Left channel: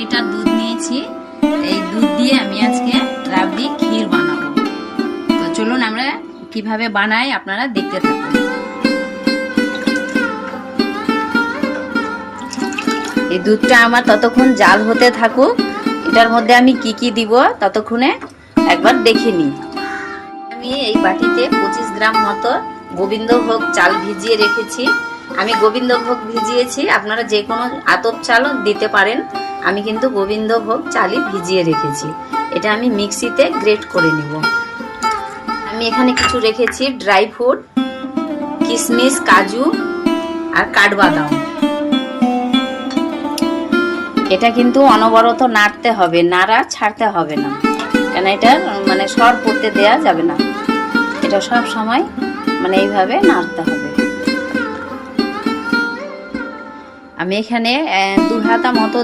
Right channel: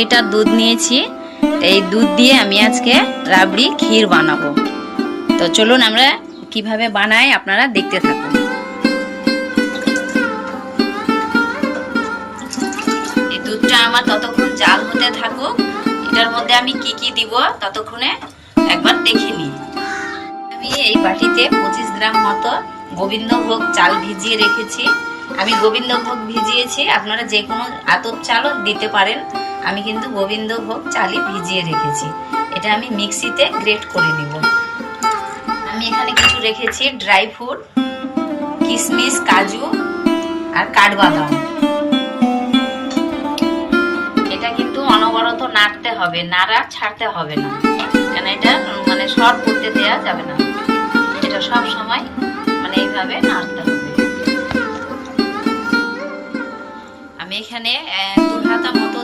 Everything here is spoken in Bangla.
লিটার দুধ নিয়েছি। এই দুধ দিয়ে আমি আজকে রাবড়ি ক্ষীর বানাবো। তো চলুন আমরা কিভাবে বানাই আপনারা দেখতে থাকুন। এই দুধটা আমার ততক্ষণ জাল হতে থাকুক। এটার মধ্যে আমি কি কি দিব ততক্ষণে একবার দেখে নিই। আমি এই বাটিতে 25 গ্রাম মতো গোবিন্দভোগ চাল ভিজিয়ে রেখেছি। আমি গোবিন্দভোগ ভিজিয়েছি, আপনারা যে কোনো আতপ চালও দিতে পারেন। আমি কিন্তু গোবিন্দভোগ চালই ভিজিয়ে রেখেছি। এটা আমি মিক্সিতে গ্রেট করে নিব। আমি এখানে কিছু রেখেছি ড্রাই ফ্রুট, কিশমিশ, কাজু আর কাঠবাদাম। এটা কিন্তু অনবরত নাড়তে হবে, নাড়া ছাড়তে হবে না, কেন এটা মানে শর্ট করতে দেওয়া যাবে না। এটা সব সময় মানে এইভাবে নাড়তে হবে। আমি এখানে 2 হাতা মতো